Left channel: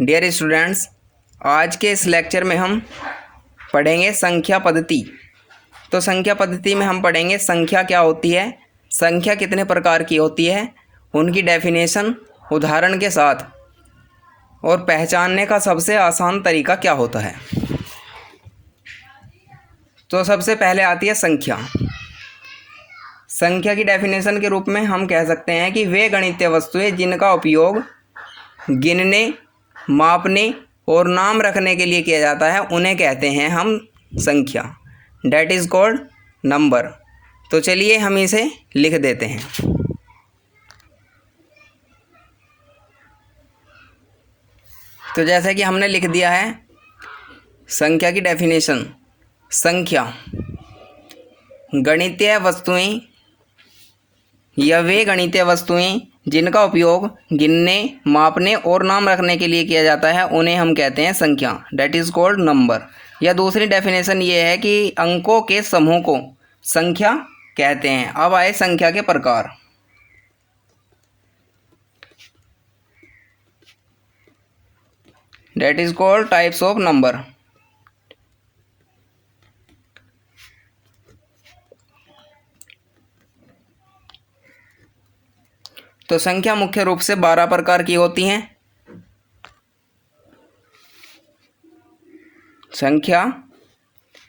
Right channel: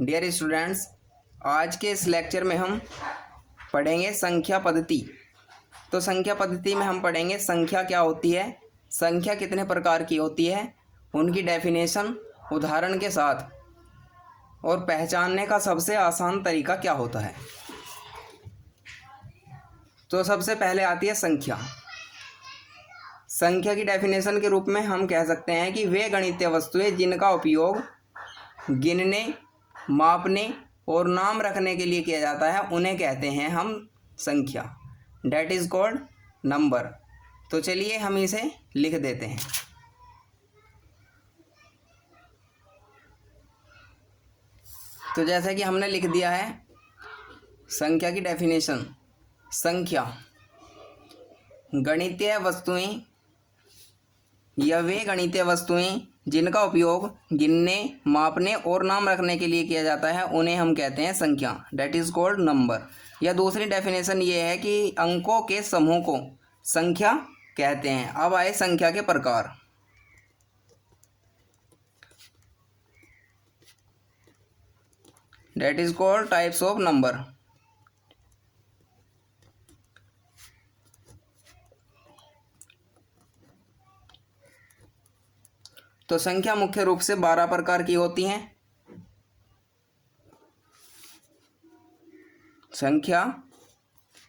Dear students, आज के इस लेक्चर में हम पढ़ेंगे संख्या पद्धति। तो संख्या पद्धति में हम पढ़ेंगे संख्या क्या होती है, संख्या कितने प्रकार की होती है, उनकी डेफिनेशन उदाहरण के साथ, और पहचानने का सबसे आसान तरीका क्या होता है। तो सबसे पहले आती है संख्या। संख्या की डेफिनेशन के रूप में हम कह सकते हैं कि वे गणितीय वस्तुएं जिनका उपयोग गिनने, मापने और नाम रखने के लिए किया जाता है उन्हें कहते हैं हम संख्या, डैट इज़ कॉल्ड नंबर। तो चलिए हम इसे लिख देते हैं। तो जैसा कि हमने लिख दिया है संख्या की डेफिनेशन, संख्या गणितीय वस्तुएं या वे गणितीय वस्तुएं जिनका उपयोग गिनने, मापने और नाम रखने के लिए किया जाता है उन्हें हम कहते हैं संख्या, डैट इज़ कॉल्ड नंबर। या दूसरी डेफिनेशन ये है कि अंकों के समूह को संख्या कहते हैं। अब आए संख्या के प्रकार। That is called types of number. तो संख्या मुख्य रूप से 12 प्रकार की होती हैं। संख्या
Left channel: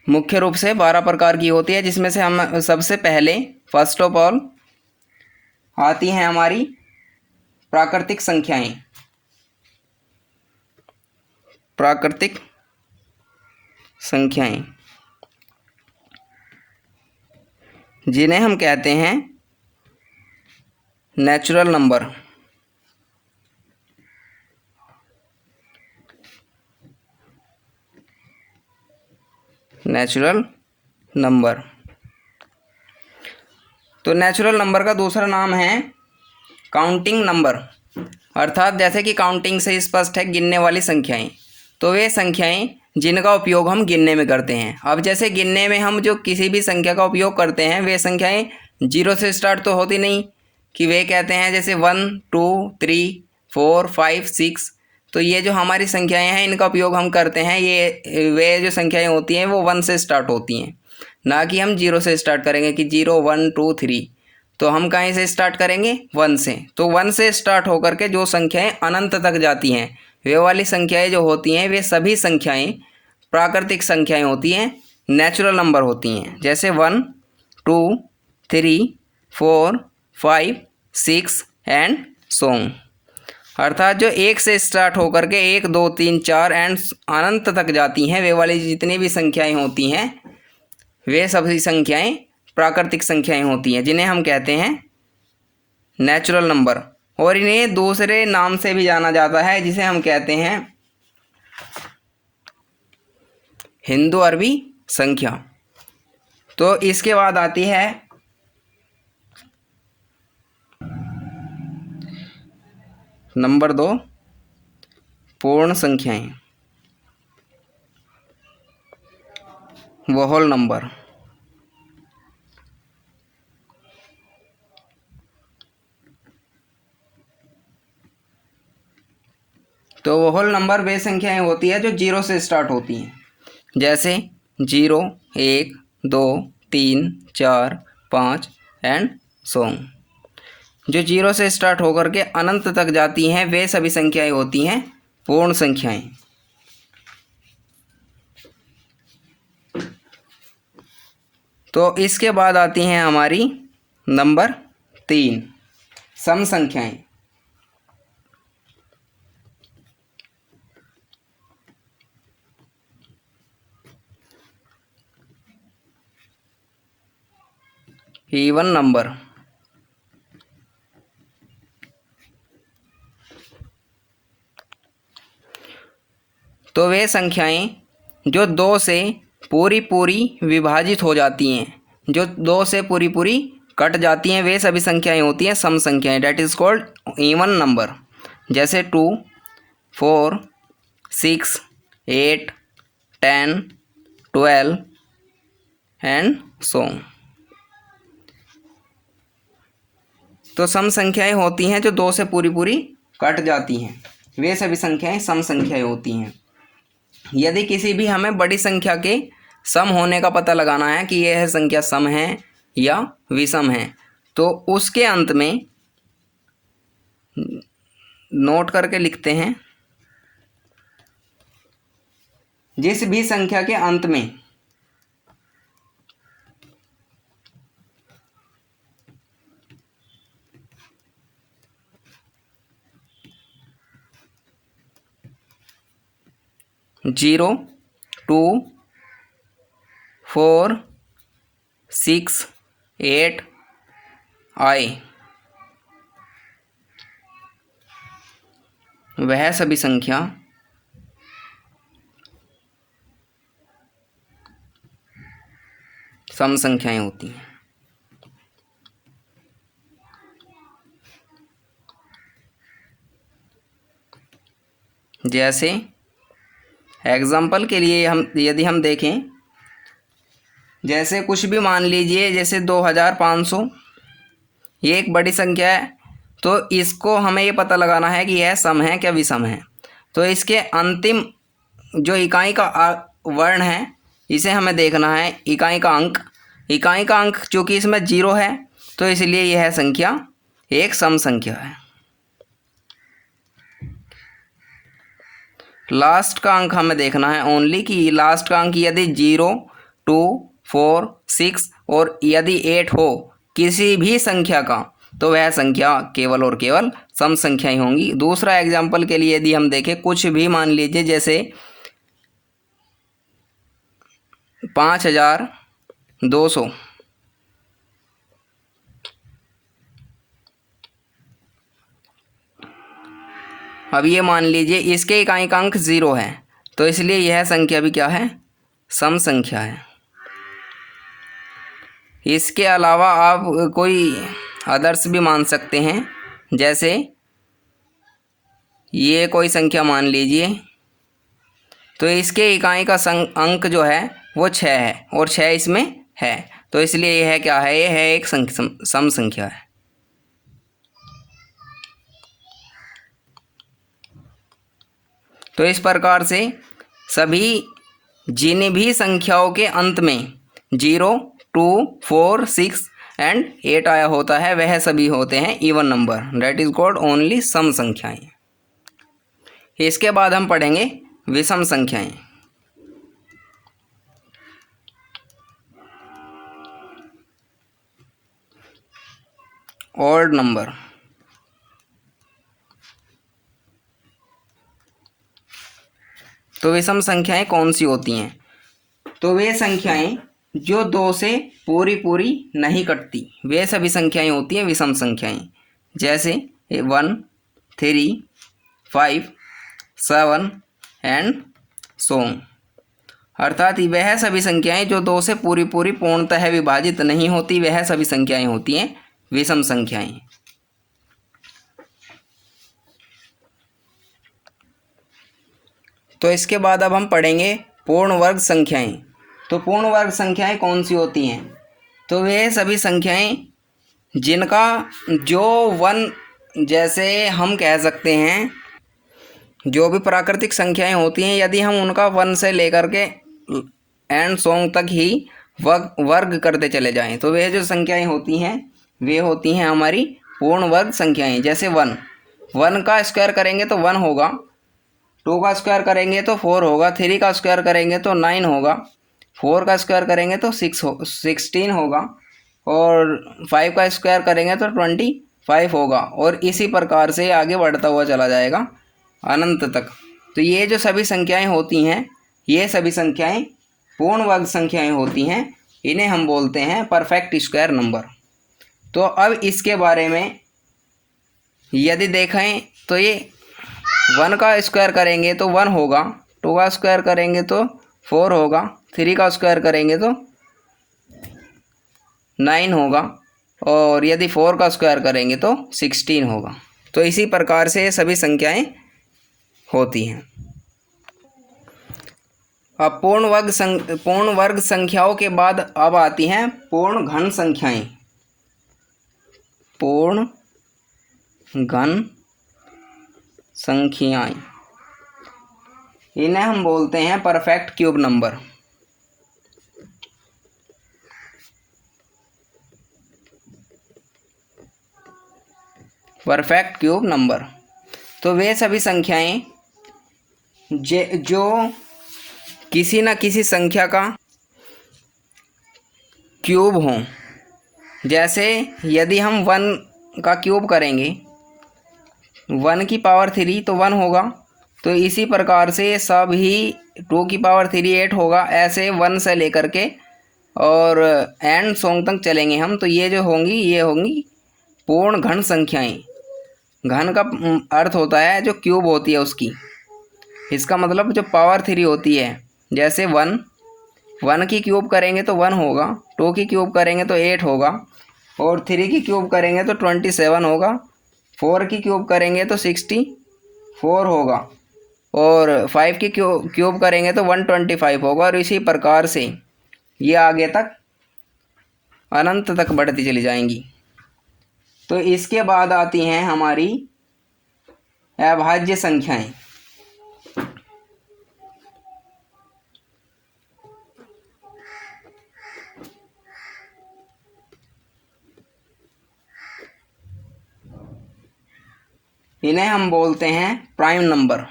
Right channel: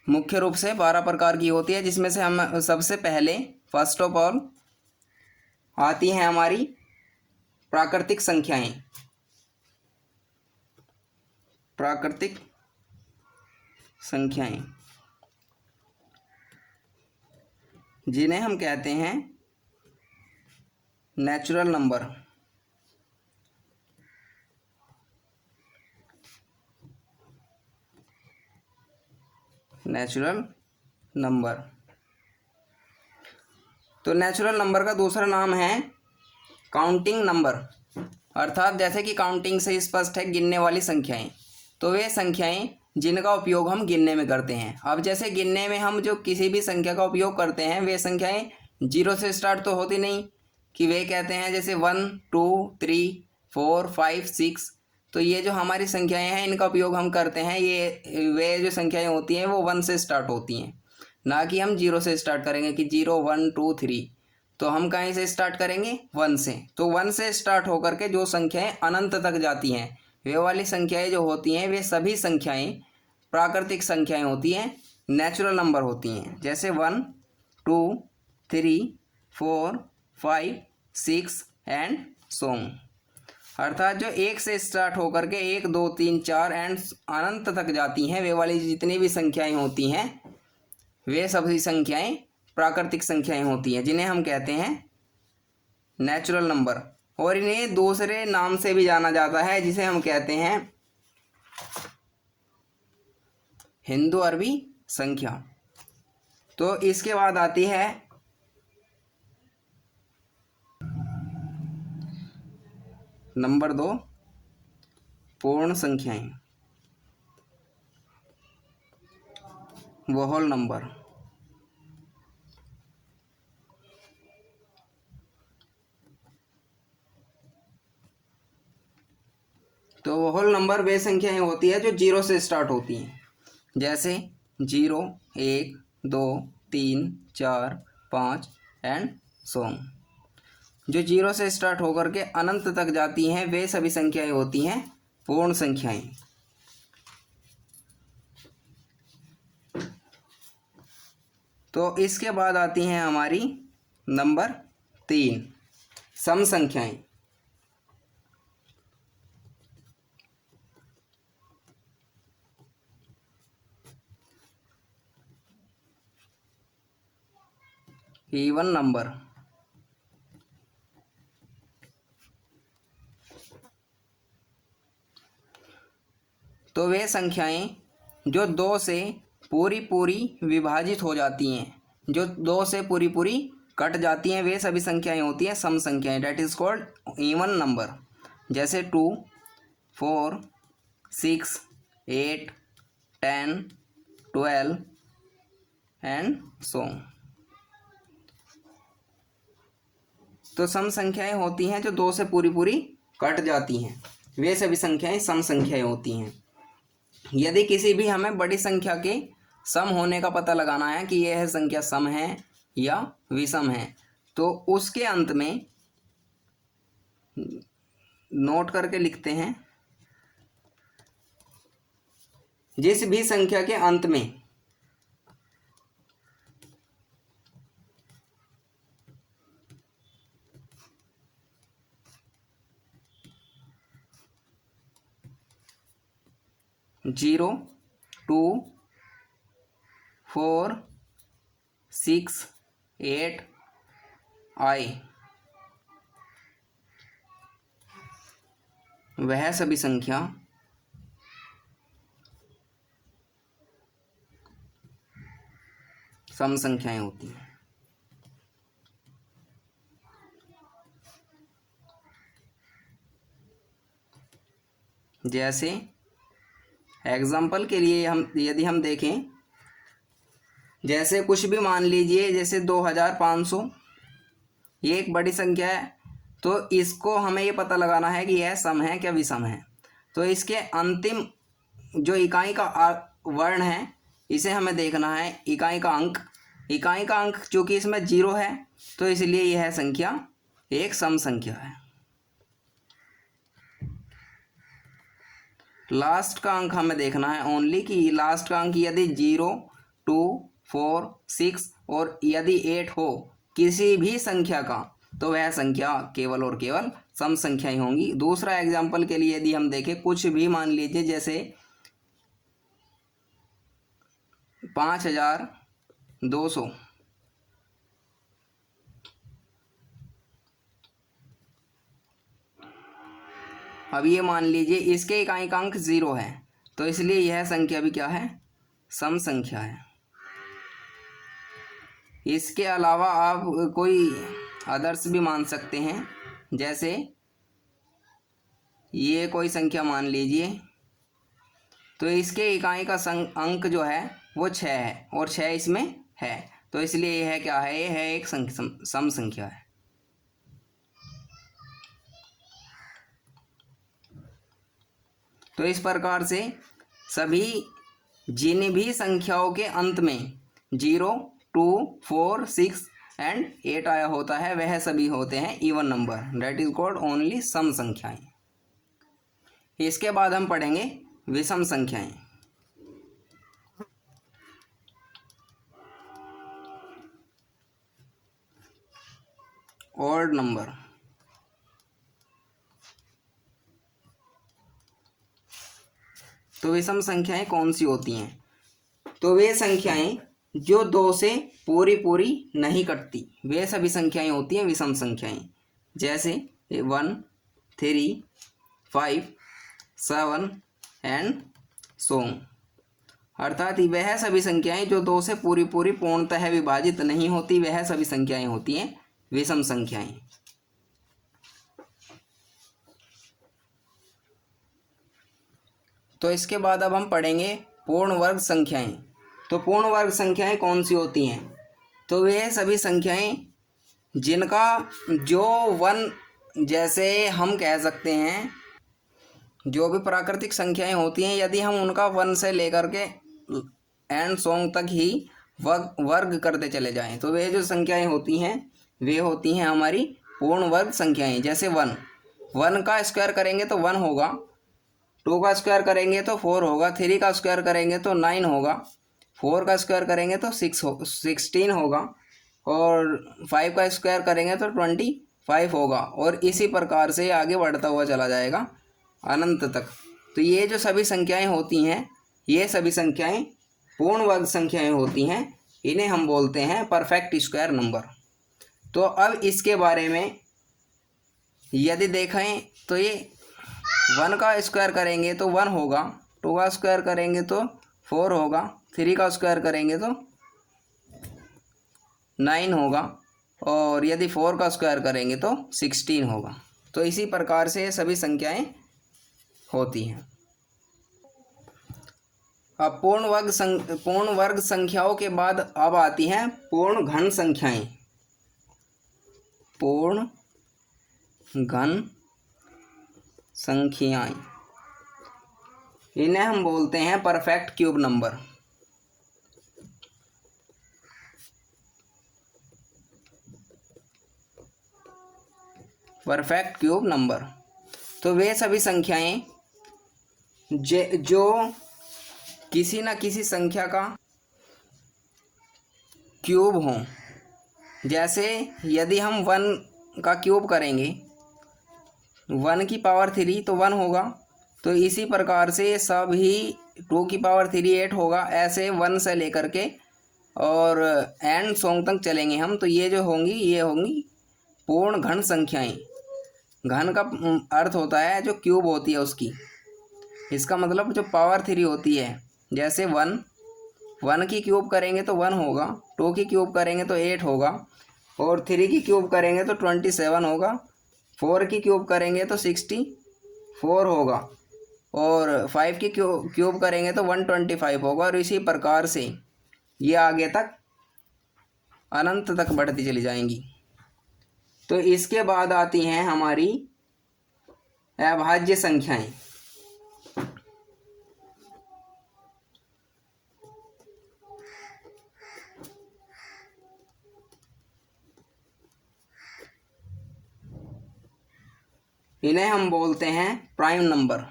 मुख्य रूप से 12 प्रकार की होती है, जिसमें से हम सबसे पहले फर्स्ट ऑफ ऑल आती हैं हमारी प्राकृतिक संख्याएं। प्राकृतिक संख्याएं जिन्हें हम कहते हैं नेचुरल नंबर। Natural number. तो नेचुरल नंबर का दूसरा नाम है काउंटिंग नंबर, अर्थात जैसे कि काउंटिंग से स्पष्ट है गिनने वाली संख्याएं। तो वे संख्याएं जिनका उपयोग हम गिनने में करते हैं। अब जैसे गिनने में हम जो किसी भी संख्या का उपयोग करते हैं वे संख्याएं जीरो से स्टार्ट तो होती नहीं, कि वे कहते हैं जैसे 1 2 3 4 5 6। तो ये जो हमारी संख्याएं हैं इनका उपयोग हम करते हैं, ये वे जो संख्याएं होती हैं वो 1 से स्टार्ट होती हैं, ना कि हम 0 से स्टार्ट करेंगे कि 0 1 2 3। तो हम कहीं से स्टार्ट करेंगे 1 से। तो 1 से स्टार्ट होकर के जो संख्याएं अनंत तक जाती हैं वे वाली संख्याएं जो होती हैं वे सभी संख्याएं प्राकृतिक संख्याएं होती हैं, नेचुरल नंबर होती हैं। जैसे 1 2 3 4 5 6 एंड सो ऑन। अर्थात जो 1 से स्टार्ट होकर के 1 2 3 4 एंड अनंत तक जाती हैं वे वाली जितनी भी संख्याएं होती हैं वे सभी संख्याएं प्राकृतिक संख्याएं होती हैं, जिन्हें हम कहते हैं नेचुरल नंबर। और इन्हें दूसरे नाम से भी जाना जाता है जिसे हम कहते हैं हिंदू अरबी संख्या। तो इसके बाद आती है नंबर 2 पूर्ण संख्याएं, वो होल नंबर। तो वो होल नंबर वे संख्याएं होती है जो 0 से स्टार्ट होती हैं, जैसे 0 1 2 3 4 5 एंड सो ऑन। जो 0 से स्टार्ट होकर के अनंत तक जाती हैं वे सभी संख्याएं होती हैं पूर्ण संख्याएं। तो इसके बाद आती हैं हमारी नंबर 3 सम संख्याएं। Even number. तो वे संख्याएं जो 2 से पूरी विभाजित हो जाती हैं, जो 2 से पूरी कट जाती हैं वे सभी संख्याएं होती हैं सम संख्याएं, that is called even number. जैसे 2 4 6 8 10 12 एंड सो ऑन। तो सम संख्याएं होती हैं जो 2 से पूरी कट जाती हैं। वे सभी संख्याएं सम संख्याएं होती हैं। यदि किसी भी हमें बड़ी संख्या के सम होने का पता लगाना है कि यह संख्या सम है या विषम है, तो उसके अंत में नोट करके लिखते हैं, जिस भी संख्या के अंत में जीरो, 2, 4, 6, 8 आए, वह सभी संख्या सम संख्याएं होती हैं। जैसे एग्जाम्पल के लिए यदि हम देखें, जैसे कुछ भी मान लीजिए, जैसे 2500, ये एक बड़ी संख्या है, तो इसको हमें ये पता लगाना है कि यह सम है क्या विषम है। तो इसके अंतिम जो इकाई का वर्ण है, इसे हमें देखना है, इकाई का अंक चूँकि इसमें 0 है, तो इसलिए यह संख्या एक सम संख्या है। लास्ट का अंक हमें देखना है ओनली, कि लास्ट का अंक यदि 0, 2, 4, 6 और यदि 8 हो किसी भी संख्या का, तो वह संख्या केवल और केवल सम संख्याएं होंगी। दूसरा एग्जाम्पल के लिए यदि हम देखें, कुछ भी मान लीजिए, जैसे 5200, अब ये मान लीजिए इसके इकाई का अंक 0 है, तो इसलिए यह संख्या भी क्या है, सम संख्या है। इसके अलावा आप कोई आदर्श भी मान सकते हैं, जैसे ये कोई संख्या मान लीजिए, तो इसके इकाई का अंक जो है वो 6 है और 6 इसमें है, तो इसलिए यह क्या है, यह है एक सम संख्या है। तो इस प्रकार से सभी जिन भी संख्याओं के अंत में 0, 2, 4, 6 एंड 8 आया होता है, वह सभी होते हैं even number, that is called only some संख्याएं। इसके बाद हम पढ़ेंगे विषम संख्याएं। Odd number. तो विषम संख्याएं कौन सी होती हैं? तो वे संख्याएं जो 2 से पूरी नहीं कटती, वे सभी संख्याएं होती हैं विषम संख्याएं। जैसे 1, 3, 5, 7 एंड सो ऑन। अर्थात वह सभी संख्याएं जो 2 से पूरी पूर्णतः विभाजित नहीं होती, वह सभी संख्याएं होती हैं विषम संख्याएं। तो इसके बाद अब हम पढ़ेंगे पूर्ण वर्ग संख्याएं। तो पूर्ण वर्ग संख्याएं कौन सी होती हैं? तो वे सभी संख्याएं जिनका जो 1, जैसे हम कह सकते हैं जो भी प्राकृतिक संख्याएं होती हैं, यदि हम उनका 1 से लेकर के एंड सॉन्ग तक ही वर्ग करते चले जाएं, तो वे जो संख्याएं होती हैं वे होती हैं हमारी पूर्ण वर्ग संख्याएं। जैसे 1 का स्क्वायर करेंगे तो 1 होगा, 2 का स्क्वायर करेंगे तो 4 होगा, 3 का स्क्वायर करेंगे तो 9 होगा, 4 का स्क्वायर करेंगे तो 16 होगा, और 5 का स्क्वायर करेंगे तो 25 होगा, और इसी प्रकार से आगे बढ़ता हुआ चला जाएगा अनंत तक। तो ये जो सभी संख्याएं होती हैं, ये सभी संख्याएं पूर्ण वर्ग संख्याएं होती हैं, इन्हें हम बोलते हैं परफेक्ट स्क्वायर नंबर। तो अब इसके बारे में यदि देखें तो ये 1 का स्क्वायर करेंगे तो 1 होगा, 2 का स्क्वायर करेंगे तो 4 होगा, 3 का स्क्वायर करेंगे तो 9 होगा, और यदि 4 का स्क्वायर करेंगे तो 16 होगा। तो इसी प्रकार से ये सभी संख्याएं होती हैं। अब पूर्ण वर्ग संख्याओं के बाद अब आती हैं पूर्ण घन संख्याएं। पूर्ण घन संख्याएं, इन्हें हम बोलते हैं perfect cube number. Perfect cube number तो वे सभी संख्याएं जो किसी न किसी संख्या का क्यूब हों। जैसे यदि हम 1 का क्यूब करेंगे 1 की पावर 3 तो 1 होगा, तो इसी प्रकार से सभी 2 की पावर 3 8 होगा। ऐसे 1 से लेकर के और एंड सॉन्ग तक चलेंगे हम, तो ये जो होंगी ये होंगी पूर्ण घन संख्याएं। घन का अर्थ होता है जो क्यूब होती है उसकी, इसका मतलब जो पावर 3 होती है। जैसे 1 की क्यूब करेंगे तो 1 होगा, 2 की क्यूब करेंगे तो 8 होगा, और 3 की क्यूब करेंगे तो 27 होगा, 4 की क्यूब करेंगे तो 64 होगा, और 5 की क्यूब करेंगे तो 125 होगा। और इसी प्रकार से ये आगे तक अनंत तक बढ़ती चली जाएंगी। तो इसके बाद आती हैं हमारी अभाज्य संख्याएं। इन्हें हम बोलते हैं प्राइम नंबर।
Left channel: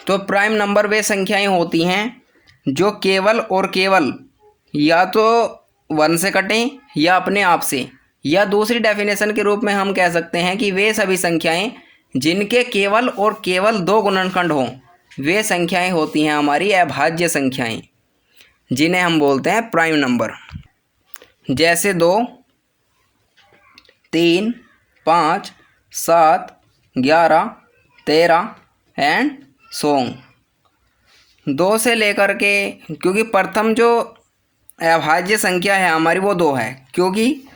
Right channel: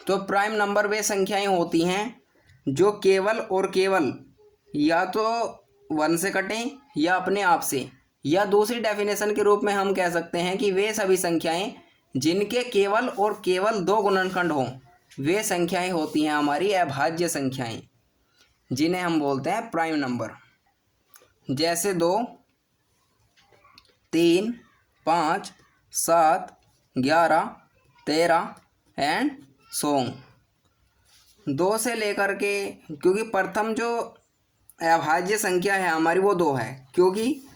तो प्राइम नंबर वे संख्याएं होती हैं जो केवल और केवल या तो 1 से कटें या अपने आप से, या दूसरी डेफिनेशन के रूप में हम कह सकते हैं कि वे सभी संख्याएं जिनके केवल और केवल 2 गुणनखंड हों, वे संख्याएं होती हैं हमारी अभाज्य संख्याएं, जिन्हें हम बोलते हैं प्राइम नंबर। जैसे 2, 3, 5, 7, 11, 13 एंड सॉन्ग। 2 से लेकर के, क्योंकि प्रथम जो अभाज्य संख्या है हमारी वो 2 है, क्योंकि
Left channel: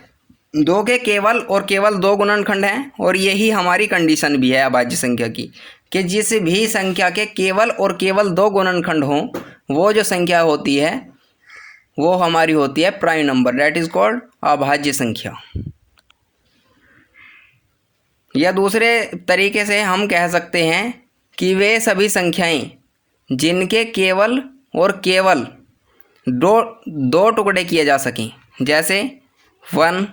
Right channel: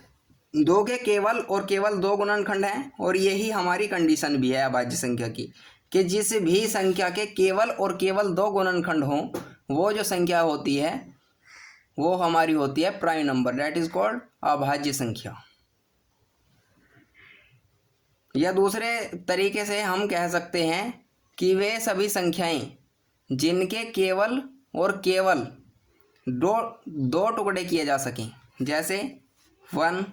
2 के केवल और केवल 2 गुणनखंड हैं, और यही हमारी कंडीशन भी है अभाज्य संख्या की, कि जिस भी संख्या के केवल और केवल 2 गुणनखंड हों, वो जो संख्या होती है वो हमारी होती है prime number, that is called अभाज्य संख्या। या दूसरे तरीके से हम कह सकते हैं कि वे सभी संख्याएं जिनके केवल और केवल दो टुकड़े किए जा सकें। जैसे 1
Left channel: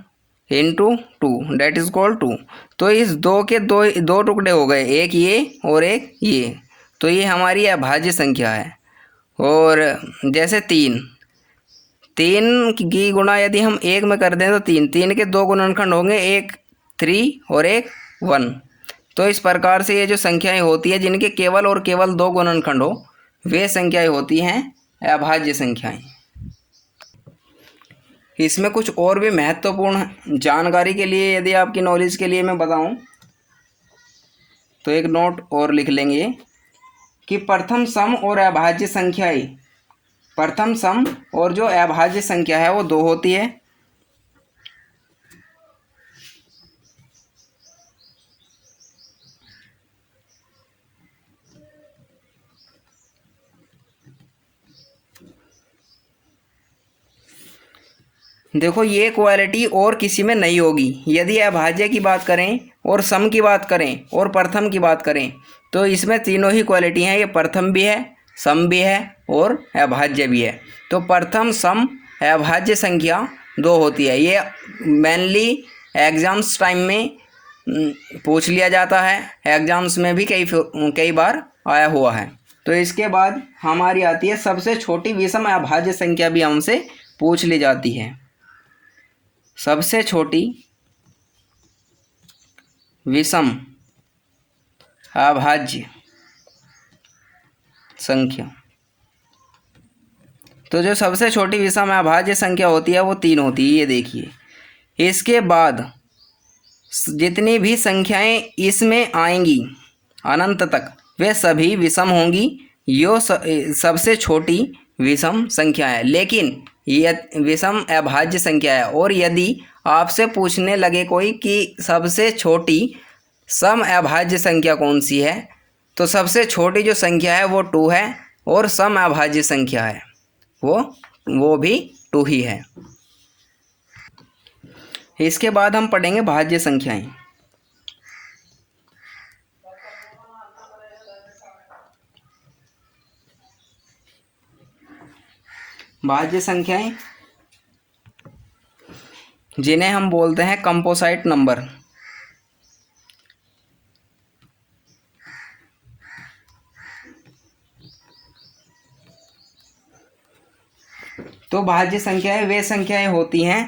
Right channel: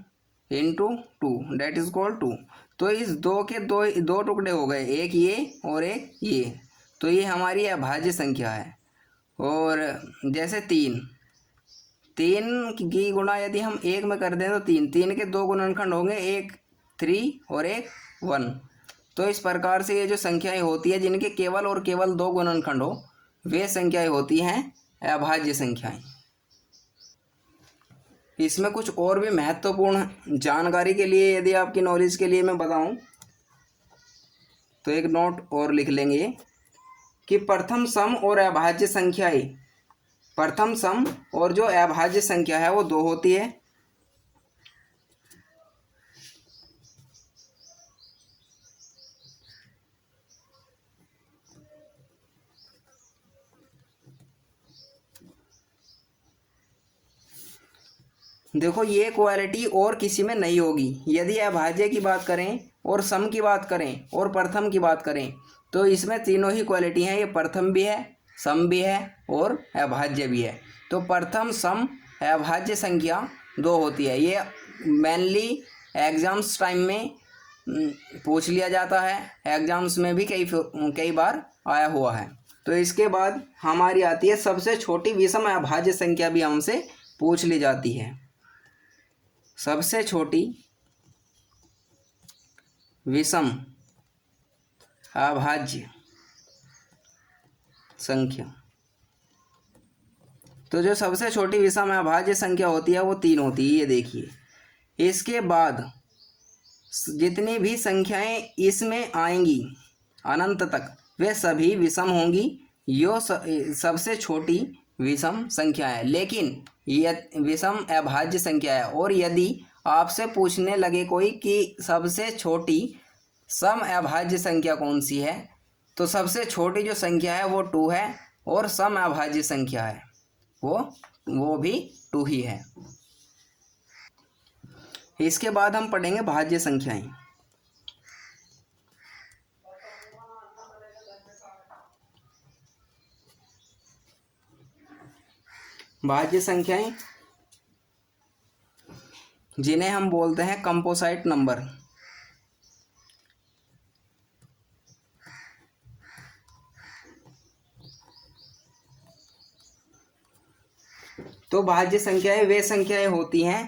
× 2 दैट इज कॉल्ड 2। तो इस 2 के दो टुकड़े हो गए, एक ये और एक ये, तो ये हमारी अभाज्य संख्या है। और जैसे 3 की गुणा यदि हम 1 में कर दें तो 3 के 2 गुणनखंड होंगे, एक 3 और एक 1। तो इस प्रकार से ये जो संख्याएं होती है जिनके केवल और केवल 2 गुणनखंड हो, वे संख्याएं होती हैं अभाज्य संख्याएं। इसमें कुछ और भी महत्वपूर्ण जानकारी के लिए, यदि आपकी नॉलेज के लिए मैं बताऊं, तो एक नोट और लिख लेंगे कि प्रथम सम और अभाज्य संख्याएं, प्रथम सम और जो अभाज्य संख्या है वो 2 होती है। देखो ये क्वालिटी और किसी में नहीं होगी। यदि अभाज्य की बात करें और सम की बात करें और प्रथम की बात करें, तो इसमें तीनों ही क्वालिटी हैं। ये प्रथम भी है, सम भी है और अभाज्य भी है। तो प्रथम सम अभाज्य संख्या 2 होती है। ये मेनली एग्ज़ाम्स टाइम में पूछ लिया जाता है, एग्ज़ाम्स में भी कई बार आया हुआ है। तो इसके बाद हमारी आती है सबसे छोटी विषम अभाज्य संख्या, भी हमसे पूछ ली जाती है। सबसे छोटी विषम अभाज्य संख्या, तो जो सबसे छोटी विषम अभाज्य संख्या होती है वो 3 होती है, ये देखिए। इसके बाद जितनी भी संख्याएं इसमें आएंगी अनंत तक, वे सभी विषम होंगी। यो सबसे छोटी विषम संख्या है, लेकिन यह विषम अभाज्य संख्या है। और यदि आपसे पूछने लगे कोई कि सबसे छोटी सम अभाज्य संख्या कौन सी है, तो सबसे छोटी जो संख्या है वो 2 है, और सम अभाज्य संख्या है वो भी 2 ही है। इसके बाद हम पढ़ेंगे भाज्य संख्याएं। भाज्य संख्याएं जिन्हें हम बोलते हैं कंपोजिट नंबर। तो भाज्य संख्याएं वे संख्याएं होती हैं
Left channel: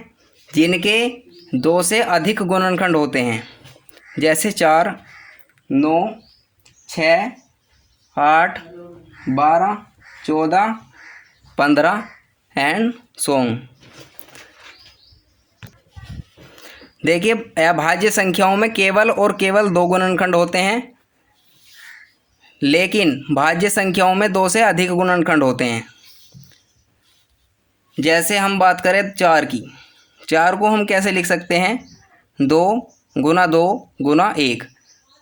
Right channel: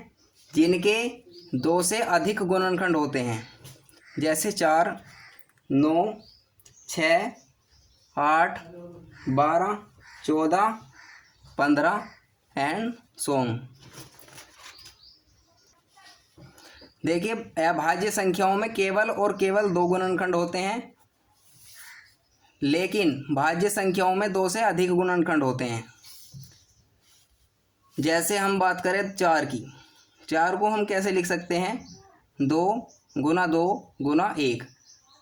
जिनके 2 से अधिक गुणनखंड होते हैं, जैसे 4, 9, 6, 8, 12, 14, 15 एंड सो ऑन। देखिए, अभाज्य संख्याओं में केवल और केवल 2 गुणनखंड होते हैं, लेकिन भाज्य संख्याओं में 2 से अधिक गुणनखंड होते हैं। जैसे हम बात करें 4 की, 4 को हम कैसे लिख सकते हैं? 2 गुना 2 गुना 1।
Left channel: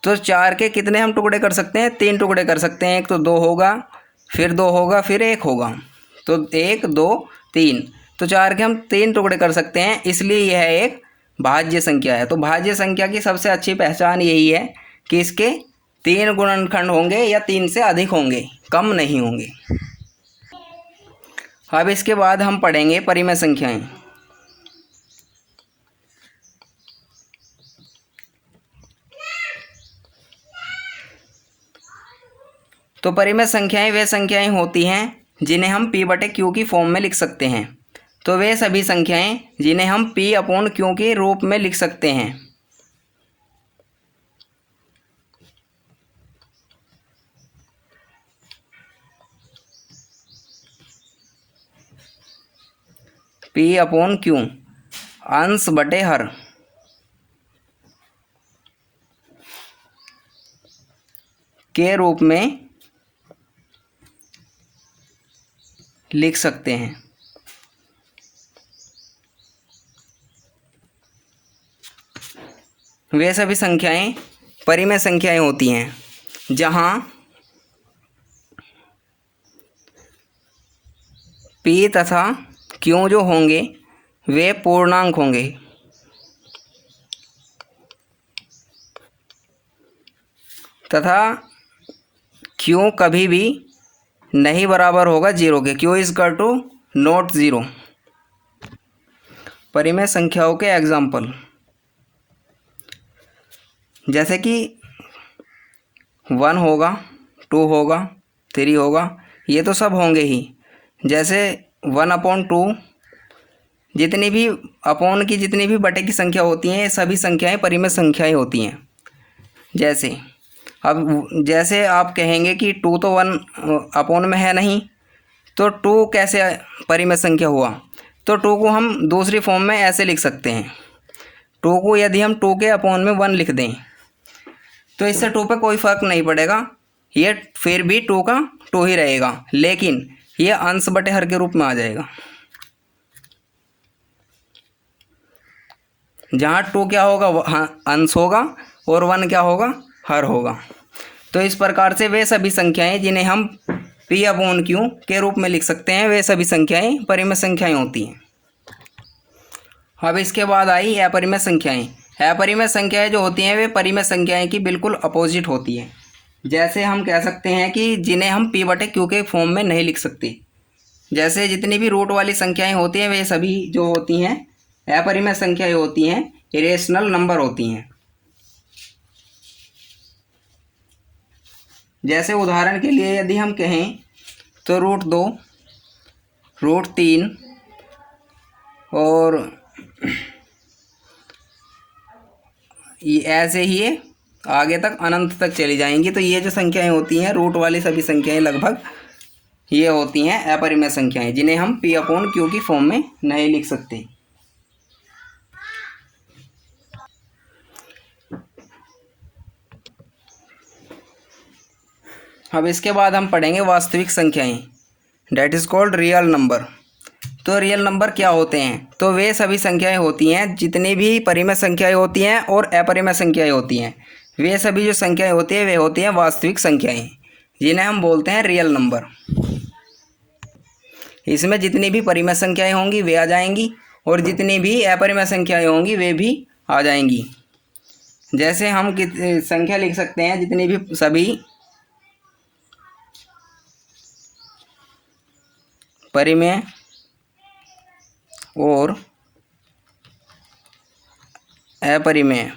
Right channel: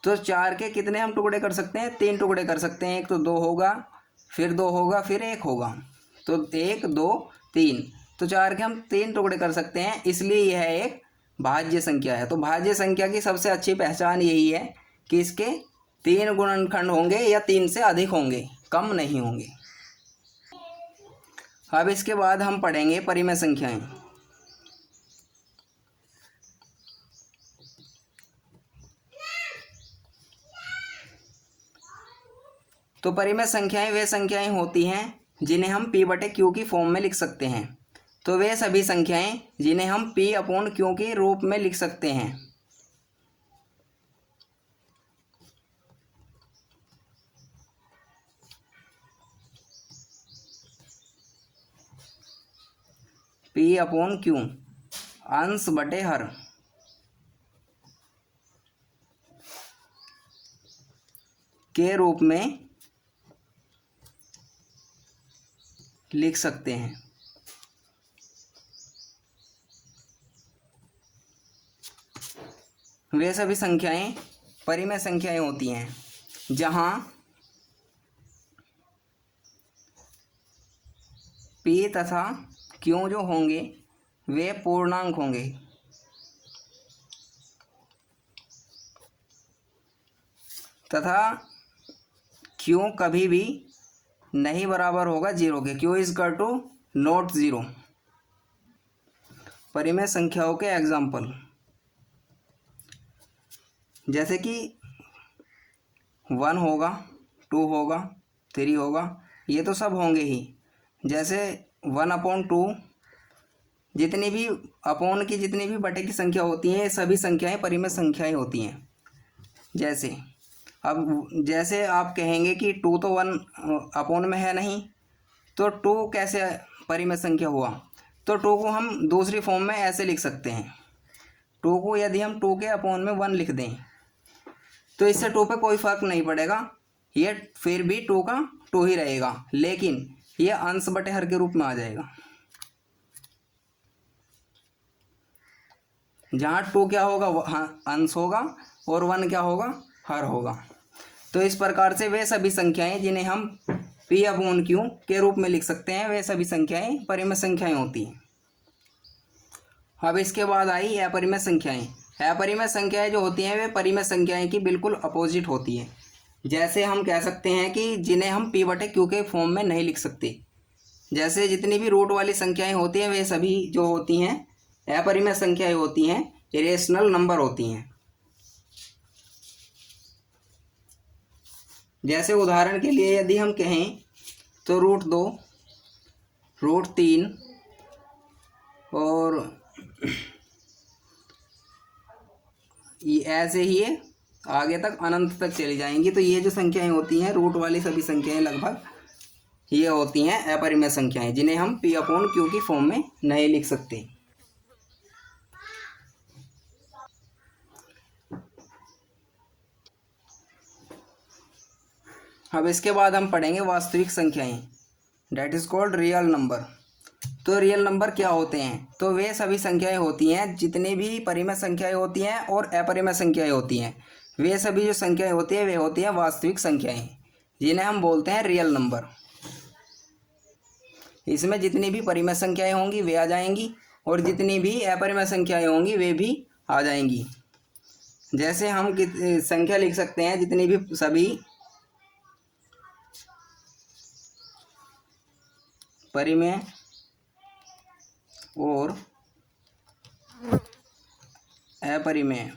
तो 4 के कितने हम टुकड़े कर सकते हैं? 3 टुकड़े कर सकते हैं। एक तो 2 होगा, फिर 2 होगा, फिर 1 होगा। तो 1 2 3, तो 4 के हम 3 टुकड़े कर सकते हैं, इसलिए यह एक भाज्य संख्या है। तो भाज्य संख्या की सबसे अच्छी पहचान यही है कि इसके 3 गुणनखंड होंगे या 3 से अधिक होंगे, कम नहीं होंगे। अब इसके बाद हम पढ़ेंगे परिमेय संख्याएं। तो परिमेय संख्याएं वे संख्याएं होती हैं जिन्हें हम P/Q की फॉर्म में लिख सकते हैं। तो वे सभी संख्याएं जिन्हें हम P/Q के रूप में लिख सकते हैं। P/Q अंश बटे हर के रूप में लिख सकते हैं। वे सभी संख्याएं परिमेय संख्याएं होती हैं जहां P तथा Q जो होंगे वे पूर्णांक होंगे तथा Q कभी भी नहीं बराबर होगा 0 के। Q = (0). परिमेय संख्याओं के एग्जाम्पल, जैसे कि 1 होगा, 2 होगा, 3 होगा, ये तो सब होंगे ही। जैसे 1/2 जितनी भी अपॉन की जितनी भी बटे की संख्या होती हैं, ये सभी संख्याएं परिमेय संख्याएं होती हैं। जैसे आप कहेंगे कि 2 तो 1 अपॉन में है नहीं, तो 2 कैसे परिमेय संख्या हुआ? तो 2 को हम दूसरी फॉर्म में ऐसे लिख सकते हैं। 2 को यदि हम 2 के अपॉन में 1 लिख दें तो इससे 2 पे कोई फ़र्क नहीं पड़ेगा, ये फिर भी 2 का 2 ही रहेगा, लेकिन ये अंश बटे हर के रूप में आ जाएगा। जहाँ 2 क्या होगा? अंश होगा, और 1 क्या होगा? हर होगा। तो इस प्रकार से वे सभी संख्याएं जिन्हें हम P/Q के रूप में लिख सकते हैं, वे सभी संख्याएं परिमेय संख्याएं होती हैं। अब इसके बाद आई अपरिमेय संख्याएं। अपरिमेय संख्याएं जो होती हैं वे परिमेय संख्याएं की बिल्कुल अपोजिट होती हैं। जैसे हम कह सकते हैं कि जिन्हें हम P/Q के फॉर्म में नहीं लिख सकते। जैसे जितनी भी रूट वाली संख्याएं होती हैं वे सभी जो होती हैं अपरिमेय संख्याएं होती हैं, इरेशनल नंबर होती हैं। जैसे उदाहरण के लिए यदि हम कहें तो √2, √3 और ये ऐसे ही आगे तक अनंत तक चली जाएंगी। तो ये जो संख्याएं होती हैं रूट वाली सभी संख्याएं लगभग ये होती हैं अपरिमेय संख्याएं, जिन्हें हम P/Q की फॉर्म में नहीं लिख सकते। अब इसके बाद हम पढ़ेंगे वास्तविक संख्याएं, that is called real number. तो रियल नंबर क्या होते हैं? तो वे सभी संख्याएं होती हैं जितनी भी परिमेय संख्याएं होती हैं और अपरिमेय संख्याएं होती हैं, वे सभी जो संख्याएं होती हैं वे होती हैं वास्तविक संख्याएं, जिन्हें हम बोलते हैं रियल नंबर। इसमें जितनी भी परिमेय संख्याएं होंगी वे आ जाएंगी और जितनी भी अपरिमेय संख्याएं होंगी वे भी आ जाएंगी। जैसे हम संख्या लिख सकते हैं जितनी भी सभी परिमेय और अपरिमेय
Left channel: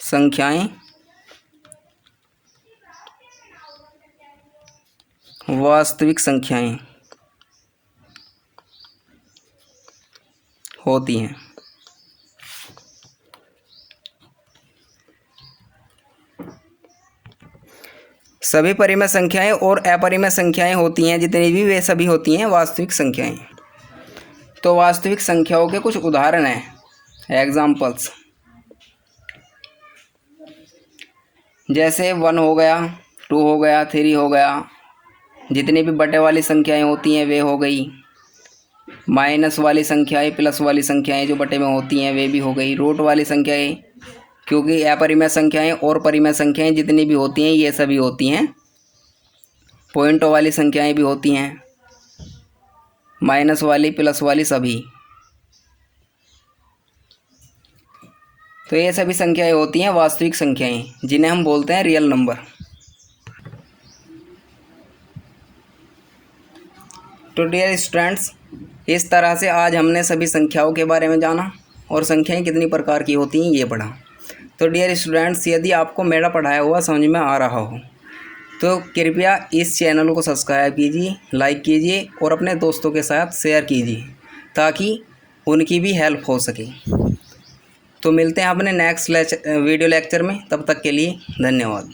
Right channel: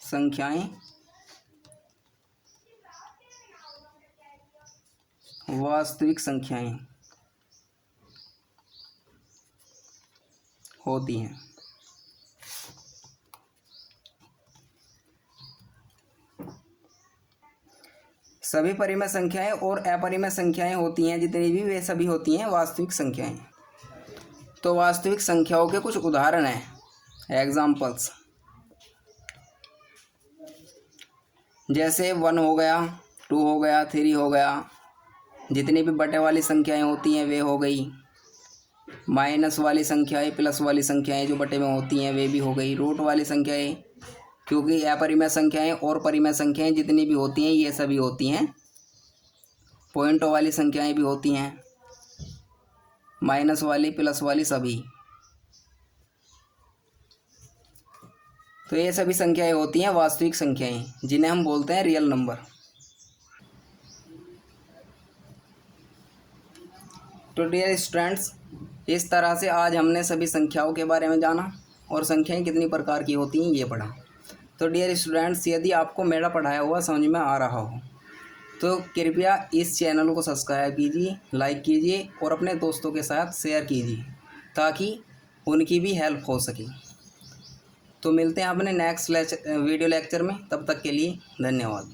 संख्याएं वास्तविक संख्याएं होती हैं। सभी परिमेय संख्याएं और अपरिमेय संख्याएं होती हैं जितनी भी वे सभी होती हैं वास्तविक संख्याएं। तो वास्तविक संख्याओं के कुछ उदाहरण हैं, एग्जाम्पल्स। जैसे 1 हो गया, 2 हो गया, 3 हो गया। जितनी भी बटे वाली संख्याएं होती हैं वे हो गई। माइनस वाली संख्याएं, प्लस वाली संख्याएं जो बटे में होती हैं वे भी हो गई। रूट वाली संख्याएं, क्योंकि अपरिमेय संख्याएं और परिमेय संख्याएं जितनी भी होती हैं ये सभी होती हैं। पॉइंटों वाली संख्याएं भी होती हैं, माइनस वाली, प्लस वाली सभी। तो ये सभी संख्याएं होती हैं वास्तविक संख्याएं जिन्हें हम बोलते हैं रियल नंबर। तो डियर स्टूडेंट्स, इस तरह से आज हमने सभी संख्याओं के बारे में जाना और संख्याएं कितनी प्रकार की होती हैं ये पढ़ा। तो डियर स्टूडेंट्स, यदि आपको मेरा पढ़ाया हुआ समझ में आ रहा हो तो कृपया इस चैनल को सब्सक्राइब कीजिए, लाइक कीजिए और अपने दोस्तों के साथ शेयर कीजिए ताकि उनकी भी हेल्प हो सके। तो मिलते हैं अपने नेक्स्ट वीडियो लेक्चर में, तब तक के लिए धन्यवाद।